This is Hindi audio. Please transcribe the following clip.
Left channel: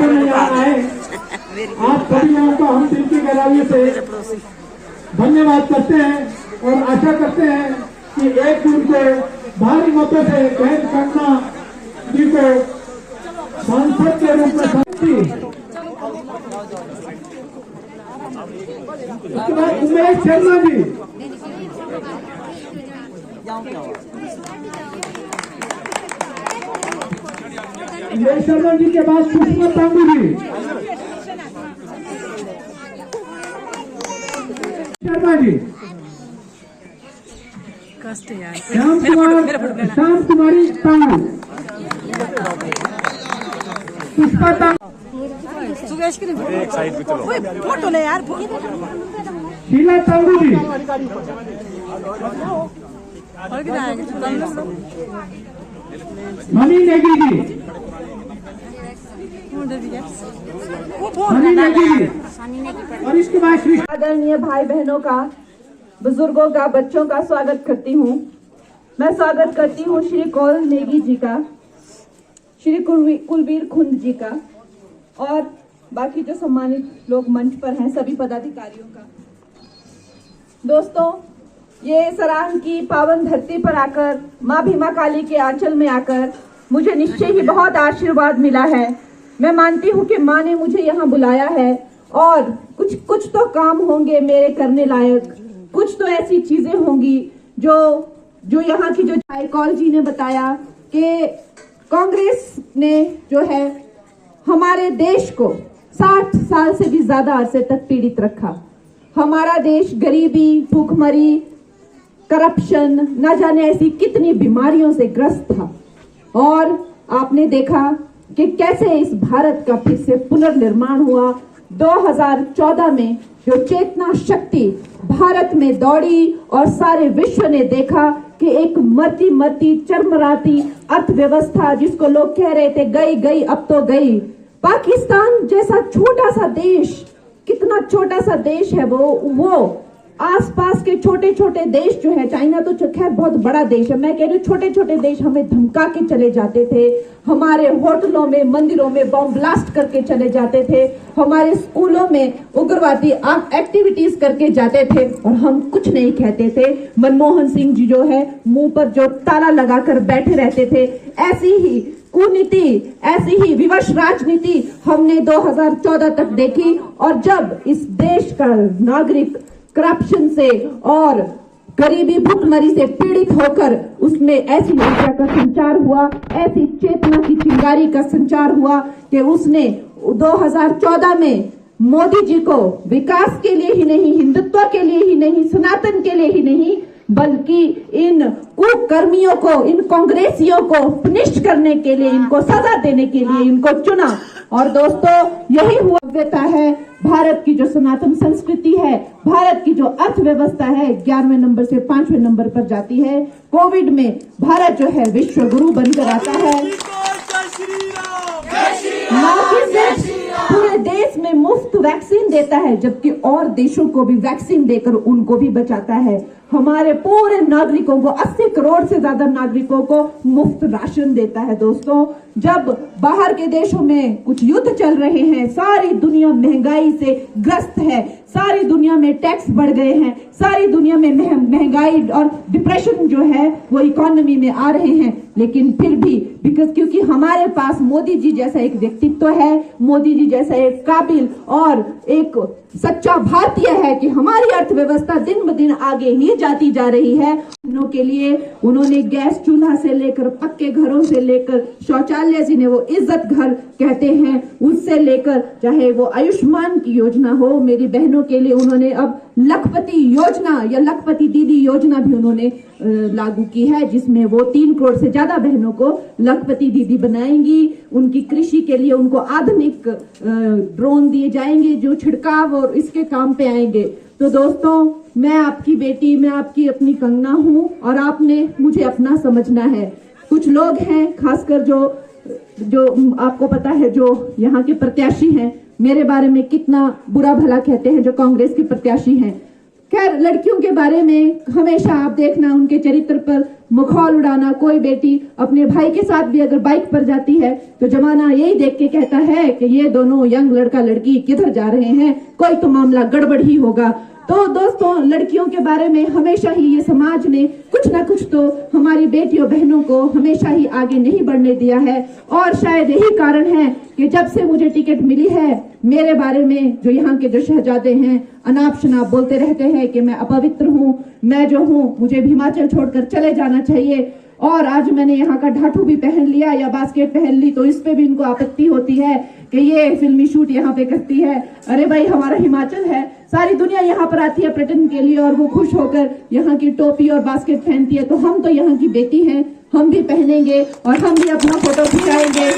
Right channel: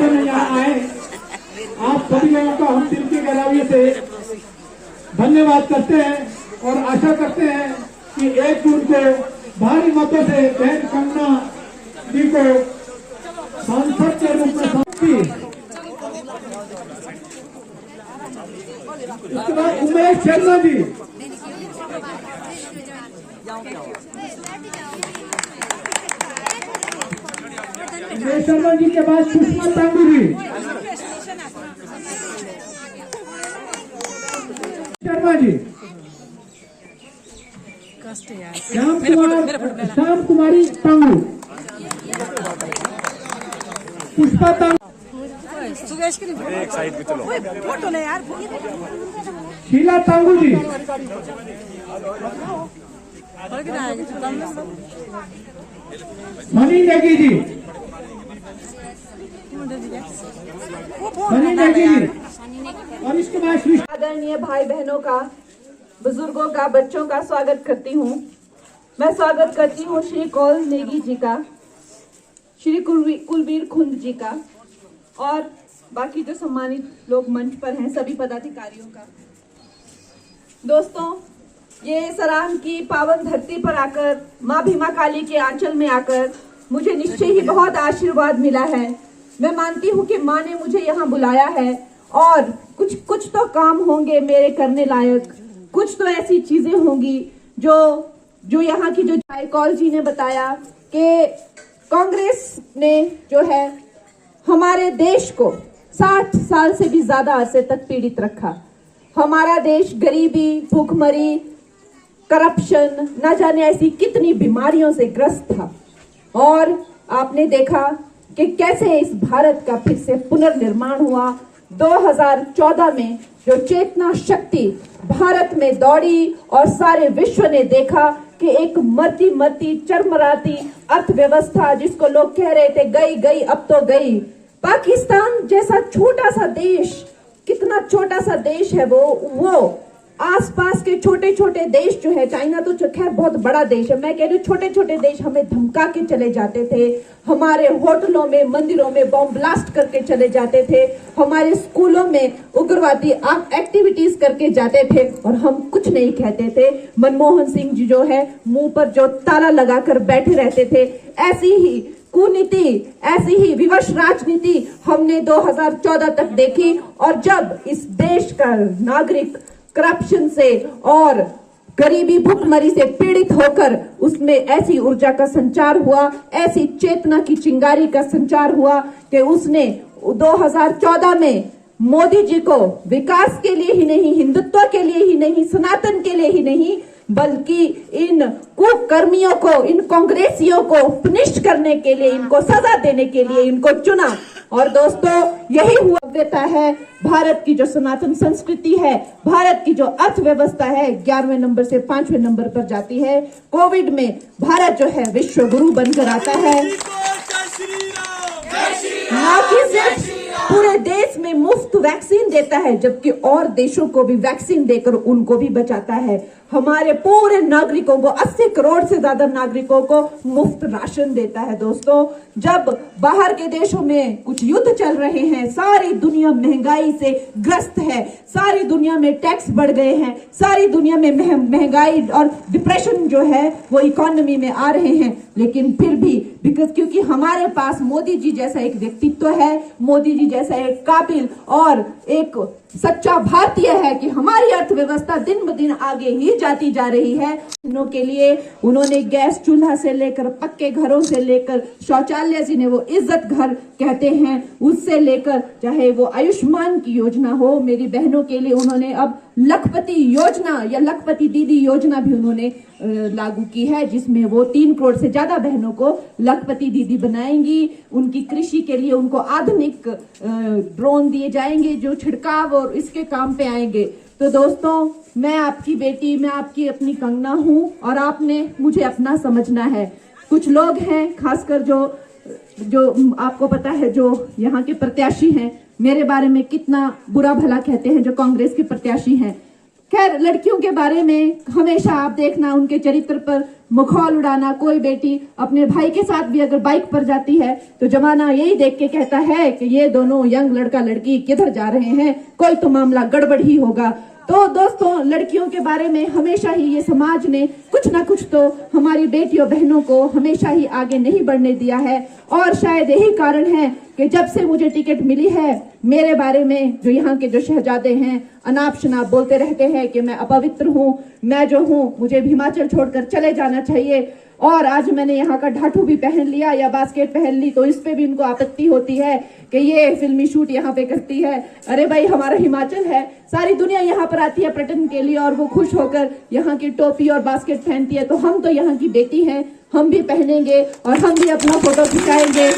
संगठन में यहाँ आए, आप सभी लोगों का हम दिल की गहराइयों से धन्यवाद करते हैं और आशा करते हैं कि 1 जून को भारी मतों से बहन कंगना जी को सांसद के रूप में शक्ति। उसके बाद उमेश शर्मा जी, उमेश शर्मा जी के बाद सुषमा तांबू जी, शर्मा जी, श्याम कुमारी तांबू, पुष्पा तांबू, एक साइड पे चलो, शीला तांबू जी, मनी नेगी जी, मनी नेगी जी, और इसके बाद श्री आदरणीय भाई बहनों का, बुजुर्गों का, बच्चों का स्वागत करती हूँ। मैं स्वागत करती हूँ श्री कौल नेगी जी का, श्री कुलवीर खुंद जी का और बाकी जो सम्मानित लोग मंच पर हैं सभी पदाधिकारियों का। दोस्तों, ये सरांग की पावन धरती पर आकर, माँ भीमा काली के आंचल में आकर मुझे निश्चय ही बहुत आशीर्वाद मिला है। मैं मानती हूँ कि माँ ने मुझे यहाँ बुलाया है और कुछ तो काम होंगे मेरे करने लायक, कुछ तो ऐसी चीजें होंगी जो यहाँ की जो भाई कौल जी ने बताया कि कांग्रेस ने जो है हमारे देश को 60 साल से भी ज्यादा अरसे तक पीड़ित रखा। हमारा देश गरीबी, भूखमरी, करप्शन, न जाने ऐसी कितनी बीमारियों से ग्रस्त था और आपने देखा कि कैसे इस भारत का फिर से पुनर्निर्माण हुआ। 2014 में जो चेतना शक्ति भारत में दौड़ी और सारे विश्व ने देखा कि एक मरती चरमराती अर्थव्यवस्था, जिसको लोग कह रहे थे गई अब तो गई। पाकिस्तान जैसा छोटा सा देश, कितना छोटा सा देश है वो आसपास के छोटे छोटे देश जो है, चाइना तो खैर बहुत बड़ा देश है, मैं कह रही हूँ छोटे छोटे देश हमें धमका के चले जाते थे, हमारे होटलों में, मंदिरों में बॉम्ब ब्लास्ट करके चले जाते थे, हमारे स्कूलों में उग्रवादी एक्टिविटीज करके जाते थे और हम कुछ नहीं कहते थे। मनमोहन सिंह जी जो है मुंह पर जो ताला लगाकर बैठे रहते थे। ऐसी ही कुनीति, ऐसी ही विवश राजनीति हमने 2014 तक देखी और जब इस देश का नागरिक करप्शन से और गरीबी, भूखमरी से पीड़ित होकर उसमें ऐसी ऊर्जा का संचार हुआ, ऐसी चेतना की चिंगारी का संचार हुआ कि उसने 2014 में मोदी जी को विकास के लिए ही नहीं, हिंदुत्व के लिए ही नहीं, सनातन के लिए ही नहीं, बल्कि इन कुकर्मियों को, इन कांग्रेसियों को पनिश करने के लिए, इनको सजा देने के लिए इनको चुना। और दोस्तों, यही हुआ देता है भारत की जो सनातन संस्कृति है, भारत की जो अर्थव्यवस्था है 11वें नंबर से 5वें नंबर पर जाती है। कोविड में भारत जो है विश्व गुरु बनकर आता है, ना कि सिर्फ पूरे देश में मुफ्त वैक्सीन देता है, जबकि और देशों को भी वैक्सीन देकर उनको भी बचाता है। हमारे पूरे नागरिकों को, 80 करोड़ से ज्यादा नागरिकों को मुफ्त राशन देता है। दोस्तों, जब बाहर के देशों में कुछ युद्ध चल रहे हैं, सारी दुनिया महंगाई से ग्रस्त है, सारी दुनिया में टैक्स बढ़ गए हैं, सारी दुनिया में महंगाई और डिप्रेशन जो है वो इकोनॉमी में आ रहे हैं, लेकिन फिर भी क्योंकि हमारे पास मोदी जी जैसा एक व्यक्तित्व है, मोदी जी जैसा एक काबिल और एक सच्चा भारतीय है कि हमारी अर्थव्यवस्था दिन ब दिन आगे ही जाती जा रही है। के लिए उन्होंने गैस चूल्हा से लेकर पक्के घरों से लेकर शौचालय, जिन्हें वो इज्जत घर कहते हैं, उससे लेकर चाहे वो आयुष्मान की योजना हो, मेरी बहनों के लिए उन्होंने अब लखपति योजना या लखपति दीदी योजना भी उन्होंने लागू की है, जिसमें वो 3 करोड़ से ज्यादा बहनों को लखपति दीदी बनाएंगी। उनकी कृषि के लिए उनको आधुनिक ड्रोन दिए जाएंगे जो छिड़काव और इसके काम पे आएंगे। तो दोस्तों, मैं आपकी बेटी, मैं आपकी अपनी कंगना हूँ और आपने मुझे अपना समझना है। कुछ लोग हैं, खासकर जो आपको पता है, जो यहाँ के प्रत्याशी हैं, मेरे बारे में कितना बुरा भला कहते हैं, जो कांग्रेस के प्रत्याशी हैं। खैर, लड़कियों के बारे में हमेशा आप देखना उनके चरित्र पर मखौल उड़ाना। कोई बेटी अपने भाई के साथ भी अगर बाइक पर जाती है तो जमाना यही देख के कहता है कि ये दोनों यंग लड़का लड़की किधर जा रहे हैं, कोई तो मामला गड़बड़ ही होगा। तो दोस्तों, लड़कियों के बारे में हमेशा ही ये समाज ने कुछ ना कुछ तो हमारी बेटियों बहनों को हमेशा ही आगे नहीं बढ़ने दिया है। और शायद यही कारण है कि जब से मुझे टिकट मिली है, मेरे बारे में जो यहाँ के जो शहजादे हैं अनाप शनाप बोलते रहते हैं कि मैं अपवित्र हूँ, मैं जो हूँ मुझे हिमाचल छोड़कर चले जाना चाहिए। और आज मैंने यहाँ का ढाठू भी पहन लिया या बास्केट पहन ली तो इस पे भी इनको आपत्ति होती है कि ये फिल्मी शूट यहाँ पे करती है। अरे भाई, हमारा हिमाचल है, सारी दुनिया यहाँ पर आती है पर्यटन के लिए और वो खुश होकर यहाँ की टोपी और बास्केट पहनती है। तो हम तो यहाँ की बेटी हैं, हम भी पहनेंगे और हम भी अपना फोटो खिंचाएंगे।